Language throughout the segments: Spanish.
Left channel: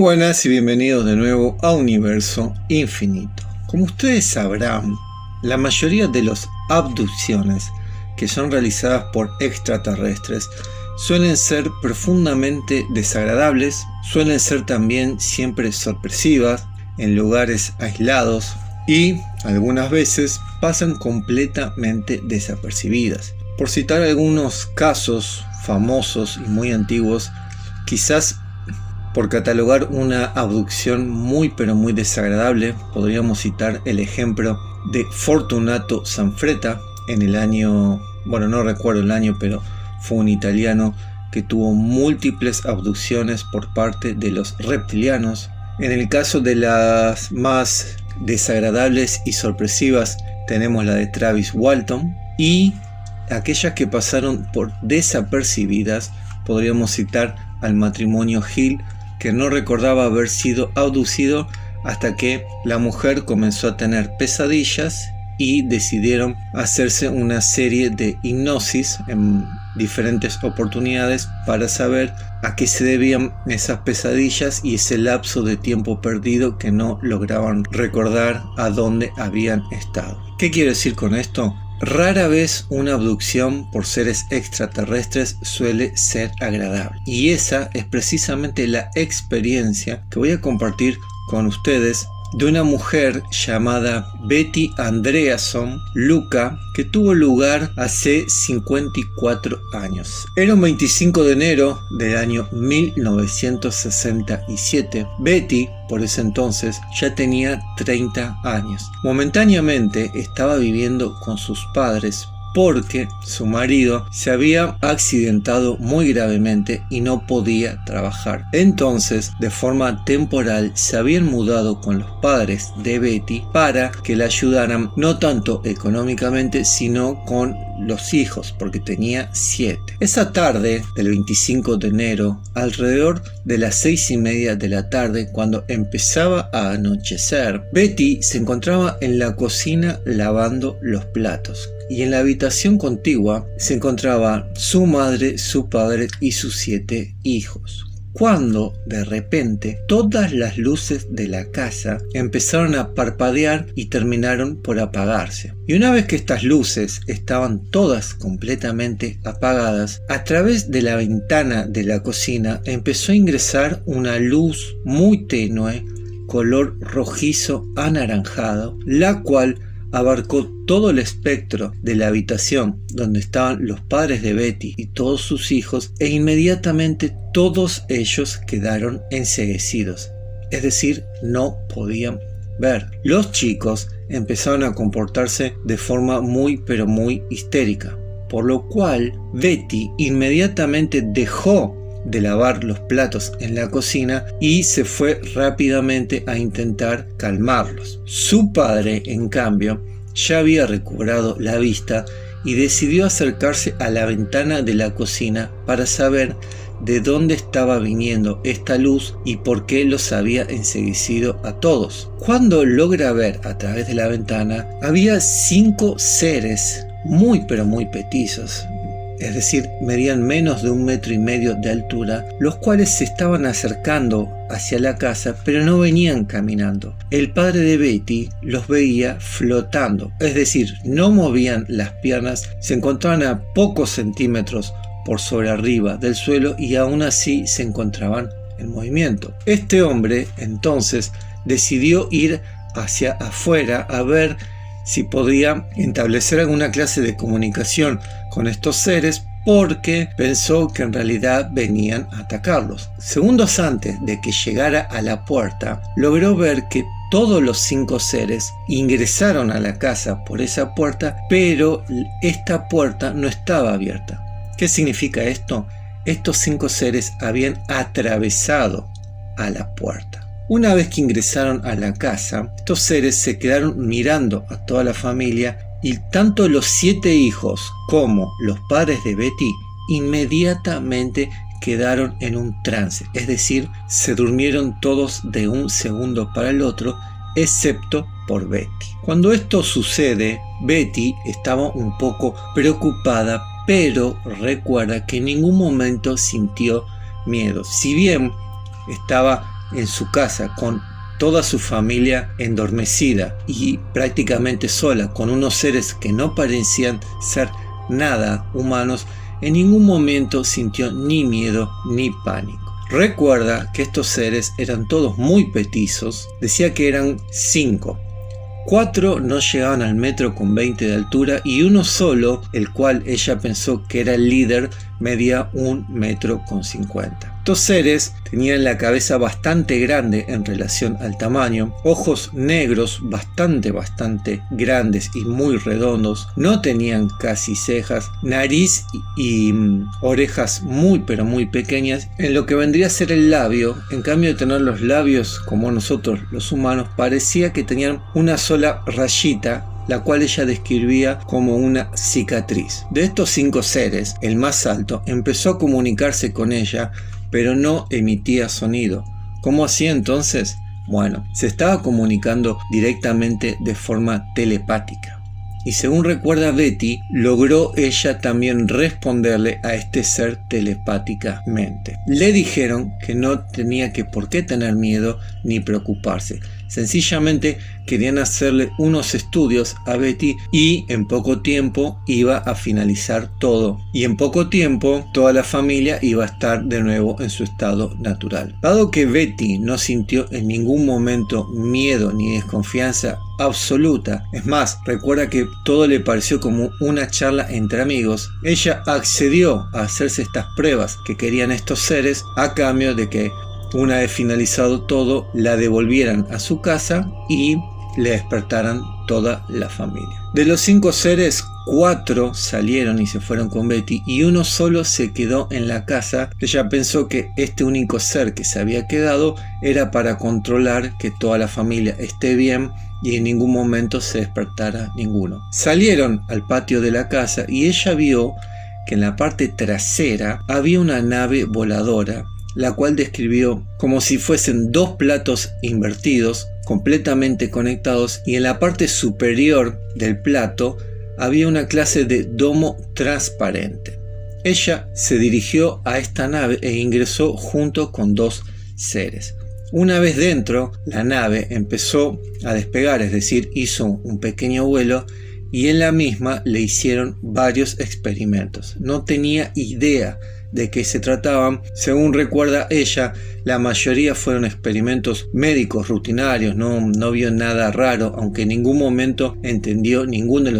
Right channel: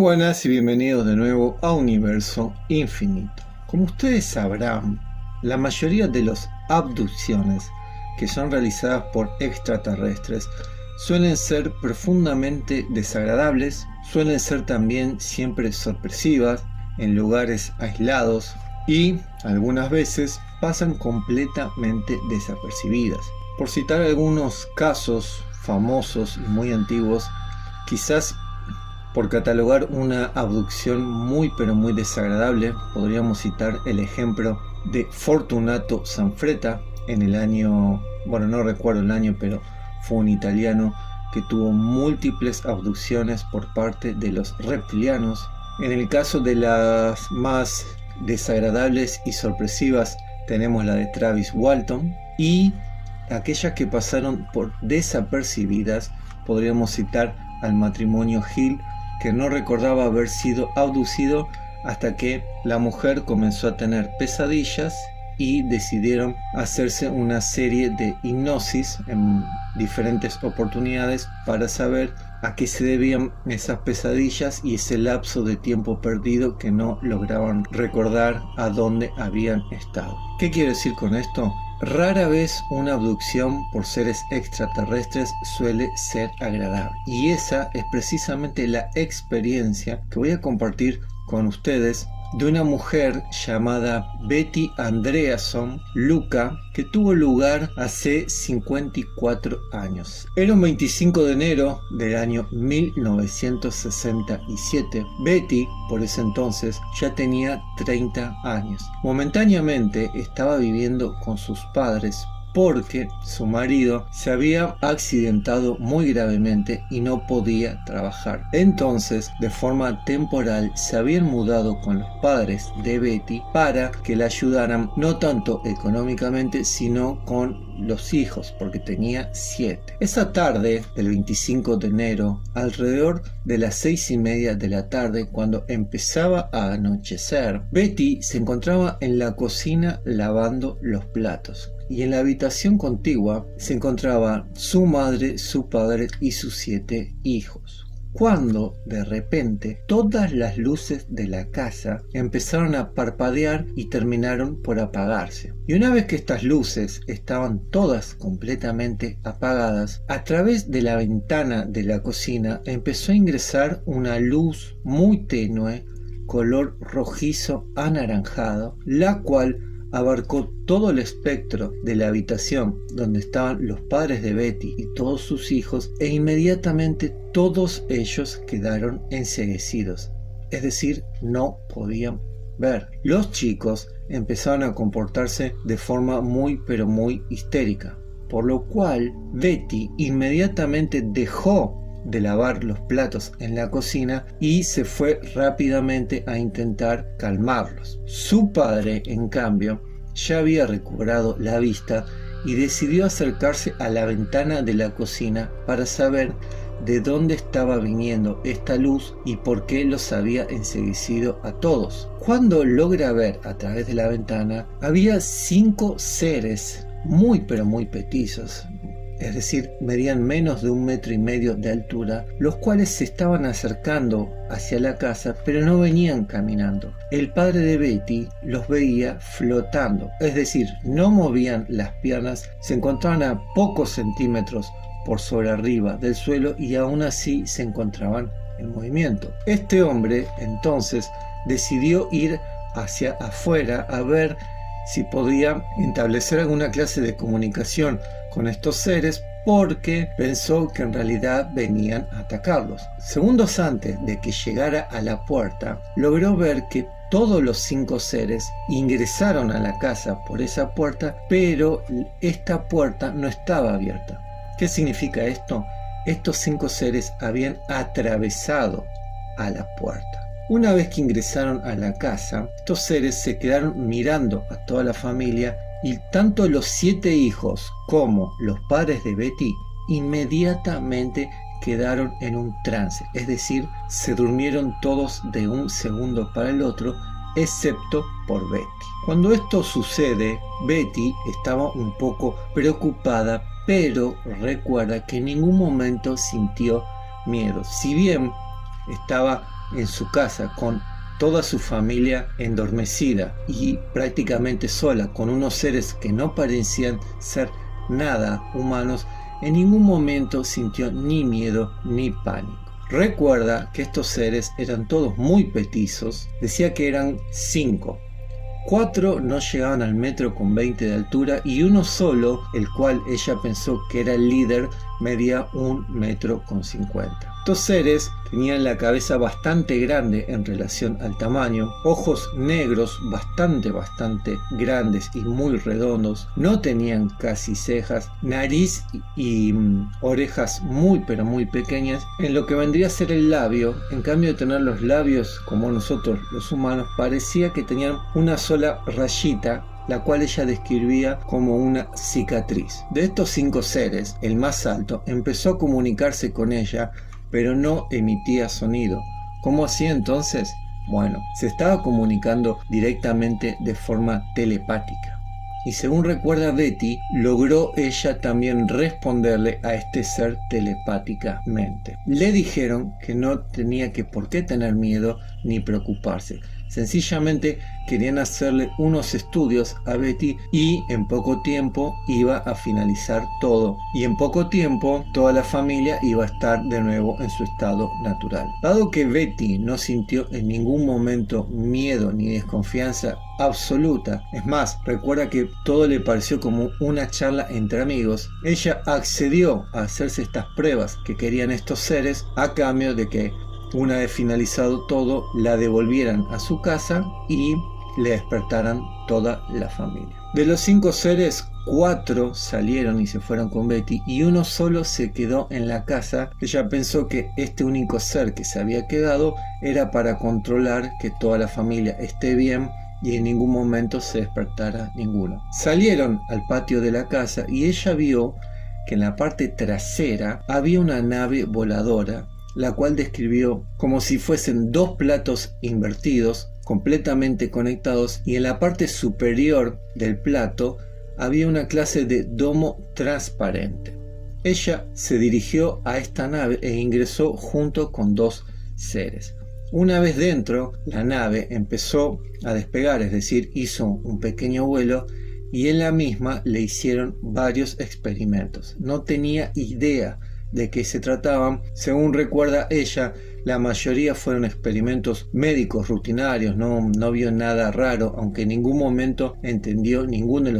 buenas y bienvenidos de nuevo a Universo Infinito. Como ustedes sabrán, la mayoría de las abducciones que son realizadas por extraterrestres suelen ser profundamente desagradables, suelen ser también siempre sorpresivas, en lugares aislados y algunas veces pasan completamente desapercibidas. Por citar algunos casos famosos y muy antiguos, quizás por catalogar una abducción muy pero muy desagradable, podríamos citar el ejemplo de Fortunato Sanfretta en el año, no recuerdo el año, pero fue un italiano que tuvo múltiples abducciones por parte de los reptilianos. En el caso de las más desagradables y sorpresivas tenemos la de Travis Walton, y aquellas que pasaron por desapercibidas podríamos citar al matrimonio Hill, que no recordaba haber sido abducido hasta que la mujer comenzó a tener pesadillas y decidieron hacerse una serie de hipnosis en diferentes oportunidades para saber a qué se debían esas pesadillas y ese lapso de tiempo perdido que no lograban recordar a dónde habían estado. ¿Qué quiero decir con esto? Rara vez una abducción por seres extraterrestres suele ser agradable, y esa es precisamente la experiencia que voy a compartir con ustedes de una mujer llamada Betty Andreasson Luca, que tuvo lugar hace 54 años. Era un 25 de enero del año 1967. Betty, por ese entonces, ya tenía 30 años. Momentáneamente estaba viviendo con sus padres porque su marido se había accidentado muy gravemente y no podía trabajar. Entonces, de forma temporal, se habían mudado con los padres de Betty para que la ayudaran no tanto económicamente, sino con los hijos, porque tenía 7. Esa tarde del 25 de enero, alrededor de las 6:30 de la tarde, cuando empezaba a anochecer, Betty se encontraba en la cocina lavando los platos, y en la habitación contigua se encontraba su madre, su padre y sus 7 hijos. Cuando de repente todas las luces de la casa empezaron a parpadear y terminaron por apagarse. Y una vez que estas luces estaban todas completamente apagadas, a través de la ventana de la cocina empezó a ingresar una luz muy tenue, color rojizo anaranjado, la cual abarcó todo el espectro de la habitación donde estaban los padres de Betty y todos sus hijos, e inmediatamente todos ellos quedaron enceguecidos, es decir, no podían ver. Los chicos empezaron a comportarse de forma muy pero muy histérica, por lo cual Betty inmediatamente dejó de lavar los platos en la cocina y se fue rápidamente a intentar calmarlos. Su padre, en cambio, ya había recobrado la vista y decidió acercarse a la ventana de la cocina para saber de dónde estaba viniendo esta luz y por qué los había enceguecido a todos. Cuando logra ver a través de la ventana, había 5 seres muy pero muy petizos, es decir, medían menos de 1,5 metros de altura, los cuales se estaban acercando hacia la casa, pero no venían caminando. El padre de Betty los veía flotando, es decir, no movían las piernas, se encontraban a pocos centímetros por sobre arriba del suelo y aún así se encontraban en movimiento. Este hombre entonces decidió ir hacia afuera a ver si podía establecer alguna clase de comunicación con estos seres, porque pensó que en realidad venían a atacarlos. Segundos antes de que llegara a la puerta, logró ver que todos los 5 seres ingresaron a la casa por esa puerta, pero esta puerta no estaba abierta. ¿Qué significa esto? Estos 5 seres habían atravesado a la puerta. Una vez que ingresaron a la casa, estos seres se quedaron mirando a toda la familia, y tanto los 7 hijos como los padres de Betty inmediatamente quedaron en un trance, es decir, se durmieron todos de un segundo para el otro, excepto por Betty. Cuando esto sucede, Betty estaba un poco preocupada, pero recuerda que en ningún momento sintió miedo. Si bien estaba en su casa con toda su familia endormecida y prácticamente sola, con unos seres que no parecían ser nada humanos, en ningún momento sintió ni miedo ni pánico. Recuerda que estos seres eran todos muy petizos, decía que eran 5. 4 no llegaban al 1,20 m de altura y uno solo, el cual ella pensó que era el líder, medía 1,50 m. Estos seres tenían la cabeza bastante grande en relación al tamaño, ojos negros bastante grandes y muy redondos, no tenían casi cejas, nariz y orejas muy pequeñas, en lo que vendría a ser el labio. En cambio de tener los labios como nosotros los humanos, parecía que tenían una sola rayita, la cual ella describía como una cicatriz. De estos 5 seres, el más alto empezó a comunicarse con ella, pero no emitía sonido. ¿Cómo hacía entonces? Bueno, se estaba comunicando directamente de forma telepática. Y según recuerda Betty, logró ella también responderle a este ser telepáticamente. Le dijeron que no tenía por qué tener miedo ni preocuparse. Sencillamente querían hacerle unos estudios a Betty y en poco tiempo iba a finalizar todo. Y en poco tiempo toda la familia iba a estar de nuevo en su estado natural. Dado que Betty no sintió en ningún momento miedo ni desconfianza absoluta, es más, recuerda que todo le pareció como una charla entre amigos, ella accedió a hacerse estas pruebas que querían estos seres a cambio de que una vez finalizado todo la devolvieran a su casa y le despertaran toda la familia. De los 5 seres, 4 salieron y se fueron con Betty y uno solo se quedó en la casa. Ella pensó que este único ser que se había quedado era para controlar que toda la familia esté bien y en ningún momento se despertara ninguno. Salieron al patio de la casa y ella vio que en la parte trasera había una nave voladora, la cual describió como si fuesen 2 platos invertidos, completamente conectados, y en la parte superior del plato había una clase de domo transparente. Ella se dirigió a esta nave e ingresó junto con 2 seres. Una vez dentro, la nave empezó a despegar, es decir, hizo un pequeño vuelo y en la misma le hicieron varios experimentos. No tenía idea de qué se trataban. Según recuerda ella, la mayoría fueron experimentos médicos rutinarios, no vio nada raro, aunque en ningún momento entendió ninguno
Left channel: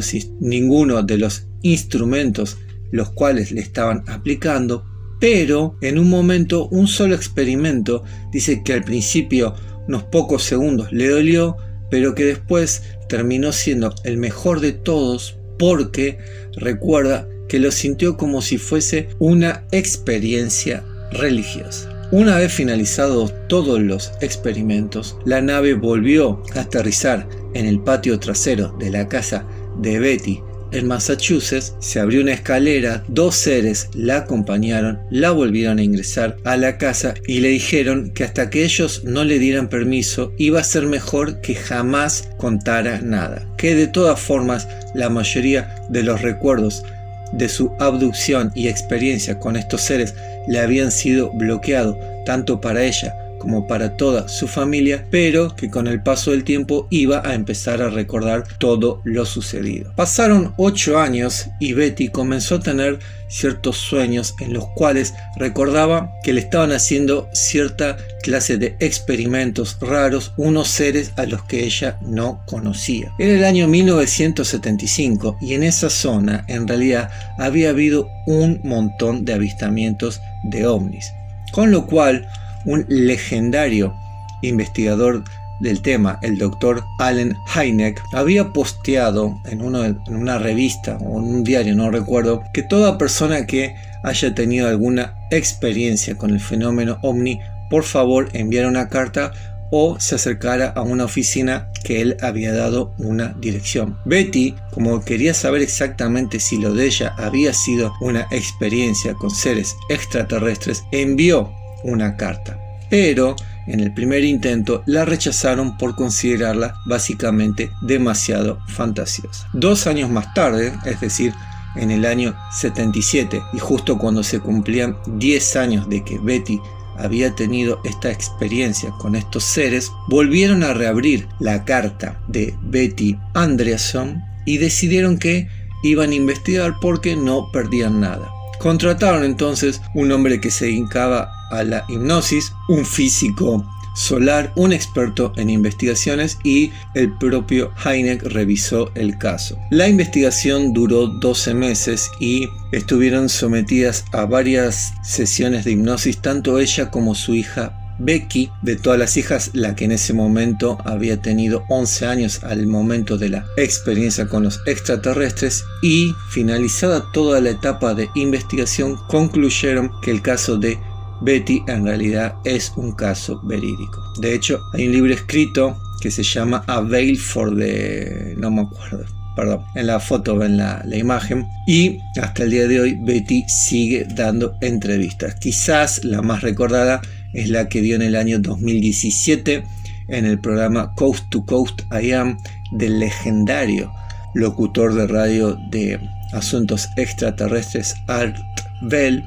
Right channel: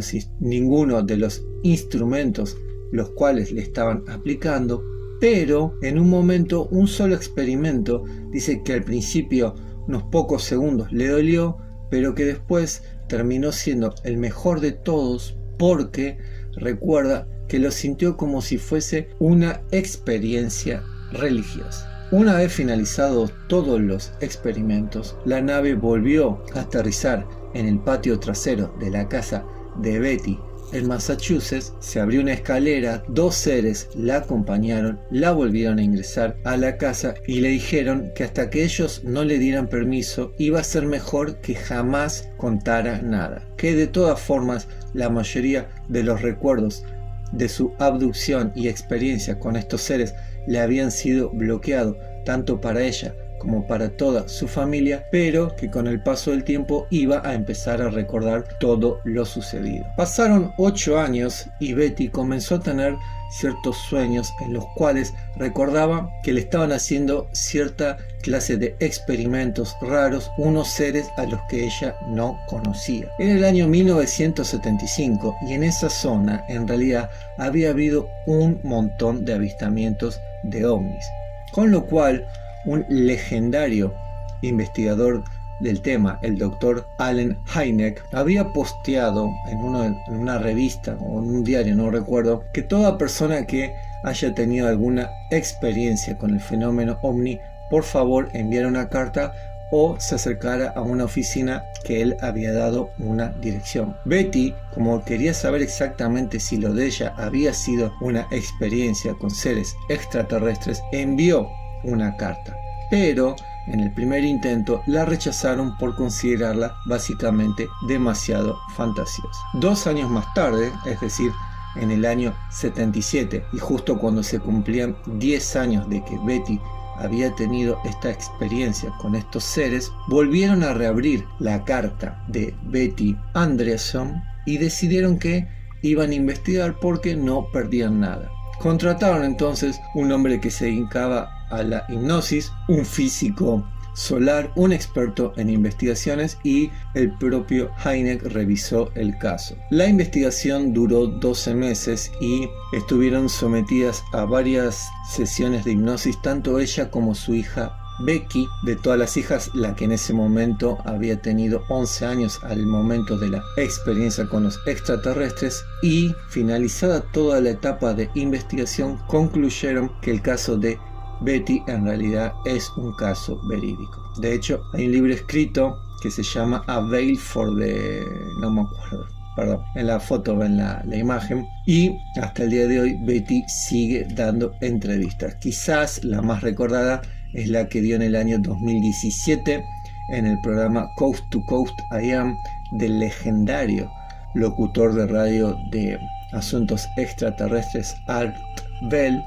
de los instrumentos los cuales le estaban aplicando. Pero en un momento, un solo experimento, dice que al principio unos pocos segundos le dolió, pero que después terminó siendo el mejor de todos porque recuerda que lo sintió como si fuese una experiencia religiosa. Una vez finalizados todos los experimentos, la nave volvió a aterrizar en el patio trasero de la casa de Betty en Massachusetts. Se abrió una escalera, 2 seres la acompañaron, la volvieron a ingresar a la casa y le dijeron que hasta que ellos no le dieran permiso iba a ser mejor que jamás contara nada, que de todas formas la mayoría de los recuerdos de su abducción y experiencia con estos seres le habían sido bloqueados tanto para ella como para toda su familia, pero que con el paso del tiempo iba a empezar a recordar todo lo sucedido. Pasaron 8 años y Betty comenzó a tener ciertos sueños en los cuales recordaba que le estaban haciendo cierta clase de experimentos raros, unos seres a los que ella no conocía. Era el año 1975 y en esa zona en realidad había habido un montón de avistamientos de ovnis, con lo cual un legendario investigador del tema, el doctor Allen Hynek, había posteado en una revista o en un diario, no recuerdo, que toda persona que haya tenido alguna experiencia con el fenómeno ovni, por favor enviara una carta o se acercara a una oficina que él había dado una dirección. Betty, como quería saber exactamente si lo de ella había sido una experiencia con seres extraterrestres, envió una carta, pero en el primer intento la rechazaron por considerarla básicamente demasiado fantasiosa. 2 años más tarde, es decir, en el año 77, y justo cuando se cumplían 10 años de que Betty había tenido esta experiencia con estos seres, volvieron a reabrir la carta de Betty Andreasson y decidieron que iban a investigar porque no perdían nada. Contrataron entonces un hombre que se dedicaba a la hipnosis, un físico solar, un experto en investigaciones, y el propio Hynek revisó el caso. La investigación duró 12 meses y estuvieron sometidas a varias sesiones de hipnosis tanto ella como su hija Becky. De todas las hijas, la que en ese momento había tenido 11 años al momento de la experiencia con los extraterrestres, y finalizada toda la etapa de investigación concluyeron que el caso de Betty en realidad es un caso verídico. De hecho, hay un libro escrito que se llama A Veil for the... no me acuerdo, perdón, en la foto ven la imagen, y hasta el día de hoy Betty sigue dando entrevistas. Quizás la más recordada es la que dio en el año 2017 en el programa Coast to Coast I Am del legendario locutor de radio de asuntos extraterrestres Art Bell,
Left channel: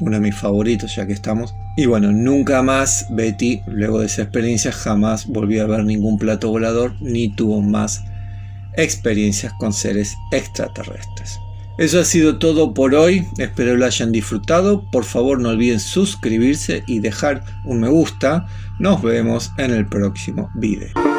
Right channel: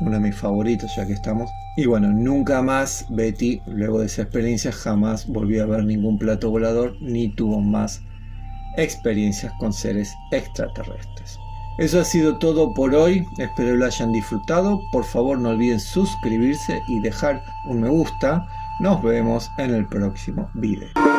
uno de mis favoritos ya que estamos. Y bueno, nunca más Betty, luego de esa experiencia, jamás volvió a ver ningún plato volador ni tuvo más experiencias con seres extraterrestres. Eso ha sido todo por hoy, espero lo hayan disfrutado. Por favor no olviden suscribirse y dejar un me gusta. Nos vemos en el próximo video.